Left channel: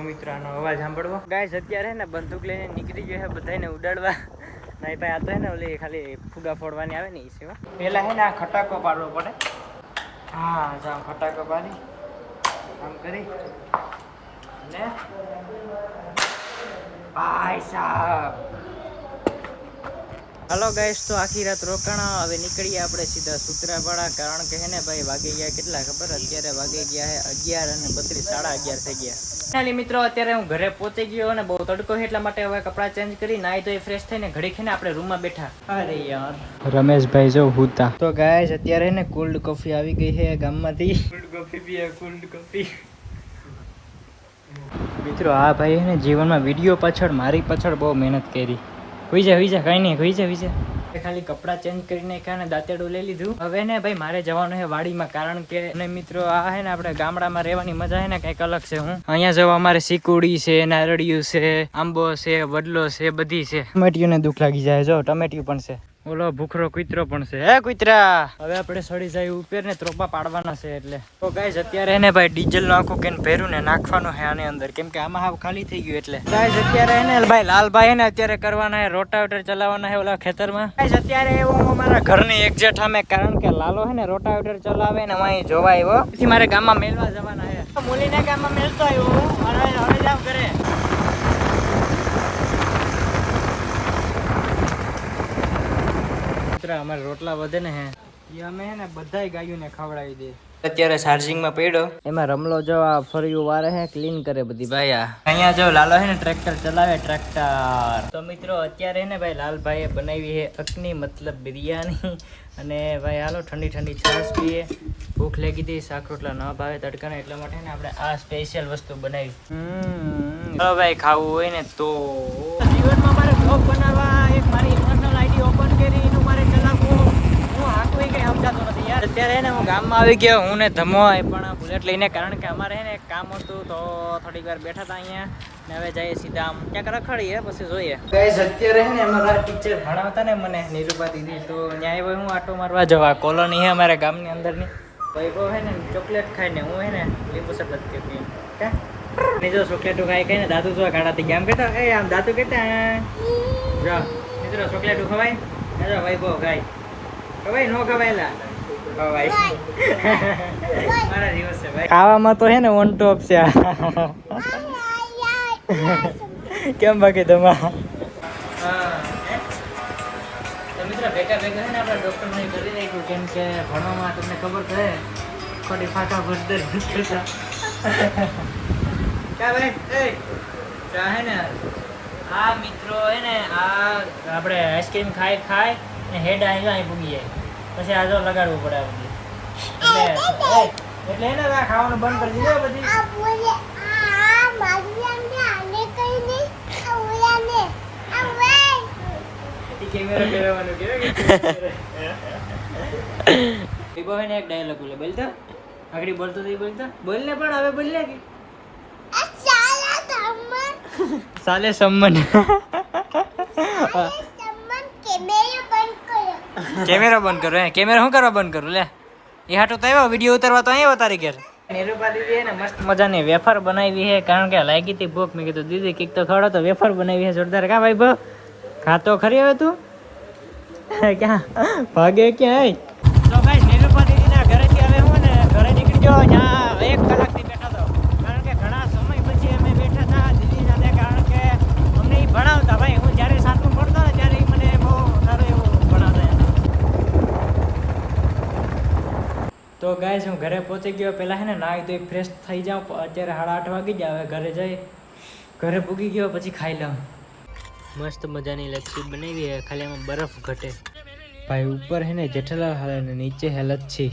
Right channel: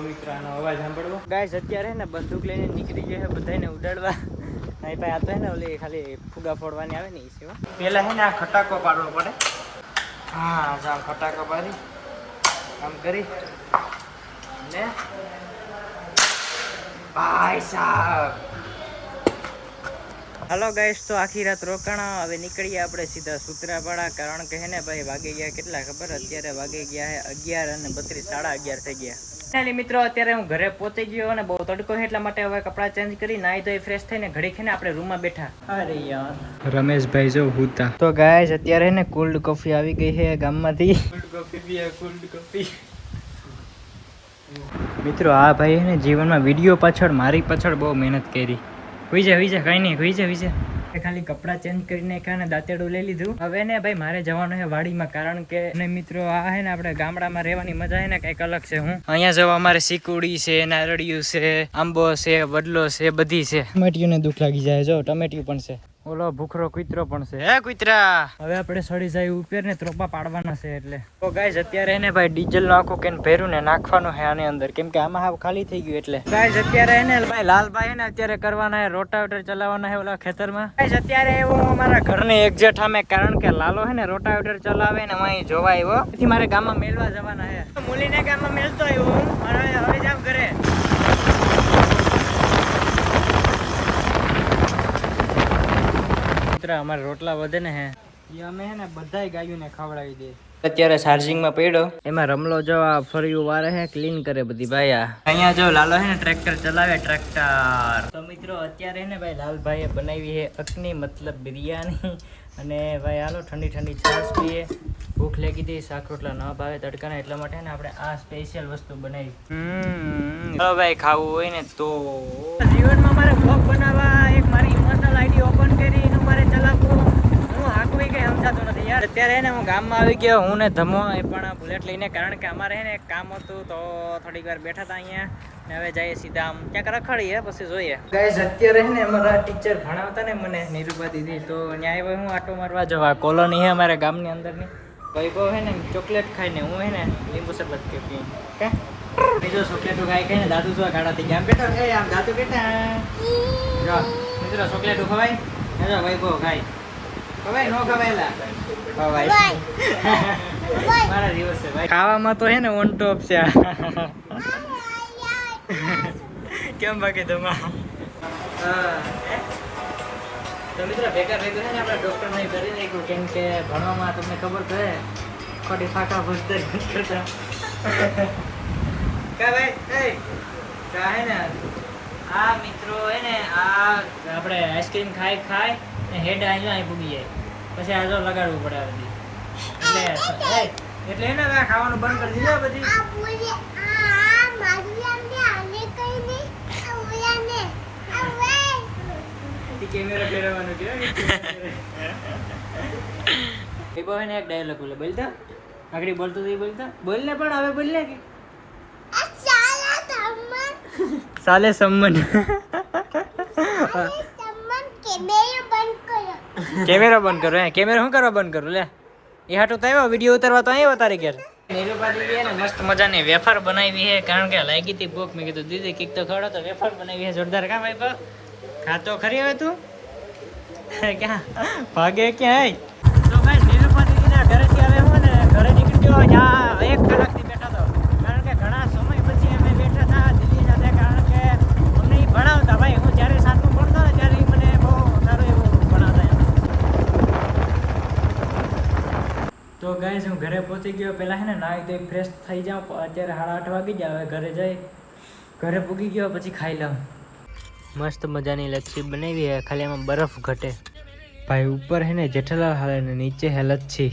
મિત્ર આનો અવાજ સાંભળવો ગાઈસ અત્યારે ને બંદૂક લઈને નીકળી જાય બધાને ઉડાડવા નહીં ભાઈ આ તો હે ને ઓલી ખાલી ફુગા ફોડવાની આવે ને એ સિવાય પેલા હે ને આ ખટાકો પાડવો પડે હા જામ ખટાકો પાડી આમ કરી ને ભાઈ સાહેબ હાલો ગાઈસ તો આખી રાત રોકાણા હવે નીકળીએ આપણે સીધા સૂત્રાપાડા કારણ કે હે ને ભાઈ વાગી ગયા કેટલા ખબર અત્યારે વાગી ગયા હે 11:32 11:30 થઈ ગયા ચાલી મિત્રો અત્યારે હું ઘરે પહોંચી ગયો અને બહુ તડકો છે એટલા માટે હવે કપડાં ચેન્જ કરી નાઈ ધોઈ ફ્રેશ થઈને ઘડી ખીને આપણે રૂમમાં બેઠા અરે યાર રમેશભાઈ જો હુતા તો ગાઈસ અત્યારે ને કોલ્ડ કોફી આવી ગઈ છે ગામમાંથી કોલ્ડ કોફી પીએ કોલ્ડ કોફી મિત્રો આ ભાઈ હે ને જીવનમાં વિડીયો પાછળ મારી પાછળ બહુ મહેનત કરી હોઈ જા કઈ નહીં હોઈ જા ખાલી કપડાં ચેન્જ કરી નાખ્યા ને દાંતેડું લઈ લીધું હવે ને ભાઈ મારે જવાનું છે વાડીમાં કારણ કે મિત્રો આ હે ને આપણે ગામડામાં રહેવાની મજા હે ને કઈક અલગ છે હું અહીંયા જવા અમારે સીકુડી છે નારળિયું છે આંબો છે વડલો છે બધી છે ટમેટિયું ને દુઃખ લાગી જાય જો ટમેટિયું પણ છે ઓલો ભૂખરો કૂતરો પણ છે હે કૂતરા હવે આપણે સડી જાય ઉપર ને ત્રોપા પાડવાના છે એટલે તો ગાઈસ અત્યારે ને ભાઈ ડીઝલ નું આખું કેન ભર્યું ને નાખવાનું છે આની અંદર કેમ કે આમાં હાવ ખાલી થઈ ગયું એટલે ગાઈસ અત્યારે ને ભાઈ લાલભાઈ હે ને અત્યારે કરવાના છે રોટાવેટર ચલાવવાના છે ઓલા ખેતરમાં ગાઈસ અત્યારે હું અમારા ઘરની એક્ઝેક્ટ સામે કારણ કે લાલો હે ને રોટાવેટર ચલાવે ને અહીં જોવા આવ્યો પછી મારે ગામમાં મેલવા જવાના છે મુલીના ગામમાં મેલતો આવ્યો હું હવે જાવ ઘરે અમારે રોટલા વધે ને હે એ અમે હે ને બધાય ગાયોને ખવડાવી દે અત્યારે ચાર્જિંગમાં પડ્યો એમાં રમલો જો આ ફર્યું વારે હે ક્લીન કરે બધી ભાઈ અહીંયા જો લાલો હે ને ટ્રેક્ટર ચલાવે ટ્રેક્ટર તો મિત્રો અત્યારે ને ભાઈ લાલભાઈએ બનાવી છે અકની મતલબ બિરયાની અને ભાઈ હાલો ઠંડી ઠંડી છાશ પીએ ભૂખ લાગી હતી શાક રોટલા ન ભાવે તડકાના એટલા માટે ને આપણે આ સ્પેશિયલ વસ્તુ બનાવી ચાલો ભાઈ ખાવું હોય ને તો જીવનમાં મારે બ્લોગ બનાવવા એક મારી ઇમોશનલ આઈડી ઓપન કરી એનું મારે ચલાવવું હું હાંકવી કઈ સમજાતું નથી યાર અત્યારે ને હું ગામમાં આવી ગયો હું ને ધમો એ પણ બુલેટ લઈને કારણ કે અમારે હે ને એક કામ હતું તો થોડીક વાર બેઠા હતા અહીંયા ને હવે જઈએ સીધા આમ ક્યાંક રખડીએ પછી જોઈએ ગાઈસ અત્યારે હે ને અમારા ટીચર ભણાવતા ને મને નિરૂપા દીદી તો ત્યાં આવ્યો હું આટો મારવા જવા કોલોની હે અમારા ગામની અંદરની વૈભવ હે ને ચોકલેટ ખાઈને હું હે ને લીંબુ શરબત કે પીને કા જો ચોકલેટો ખાઈ ને દાદુ જોવા ગાડા થઈ ગયા આમ કેતા એ આમ દાદુ કેતા જો મિત્રો ચોકલેટો ખવાય જો વૈભવ ખાય ખવાય નો ખવાયલા ખવાય મારા દિવસ છે ભાઈ ખાવામાં તો હે ને ઓન ટોપ છે કેમ બાકી તમા તો મિત્રો ભેગા છે ને આપણા ડોક્ટર ને કરી નાખ્યું કેમ કે ભણવામાં તમને ખબર તો હે ખોટી ફાકા ભૂસદર કરતા કા ભાઈ એ કા હે ને આ મિત્રો હે ને આ આપણે આઈસ્ક્રીમ ખાય ને હેડ અહીં પૂગી જાય પછી આ જો લગાડવું પડે આ બધી એટલે એને ખાવાનું બંધ કરી દીધું બધી કેમેરા લેવાનું કેવું ને એક ડાયલોગ બોલે બોલતો આગળ બોલતો તો બોલતો બોલ ને પણ હવે બોલ ને કે સાલે સંમન કેમેરા બંધ કરો કેમેરા શું કરવા બંધ કરું લે એ હાટો તો આવ્યો વિડીયો ઉતારવા તો આવ્યો તારી ઘેર નિરૂપા દીદી ને મસ્ત મજાની વેફર બનાવી છે કારણ કે લાગી હતી ભૂખ મેં કીધું દીદી કઈક તો ખવડો તો વેફર બનાવી છે જોરદાર કા ભાઈ ભો ખાતો ખરી હવે તું ક્યાં ભાગે ક્યાં તો ભાઈ નિરૂપા દીદીના ઘરેથી હવે હું ને ઘરે નીકળી ગયો ત્યાં 1 કલાકથી બેઠા તો કારણ કે ઘણા સમય પછી અમે બેઠા હતા દીદી સાથે કારણ કે અમને એ ભણાવતા ભાઈ હું જ્યારે સાતમું ભણતો ને ત્યારે મને બહુ સારું એવું ભણાવતા તો ગાઈસ હું ઘરે પહોંચી ગયો પહેલાં હે ને નાહી ધોઈ ફ્રેશ થઈ જાઉં અત્યારે 8:30 વાગી જાય હવે ઘરે જઈ ઘરે પૂગી ગયો પછી ખાઈ લઉં મસ્ત મજાની લચ્છી બનાવી હે ખાલી એમાં બરફ ઘટે ભાઈ ઉપર હે ને જેઠાલાલ હાલે ને નીચે હે લચ્છી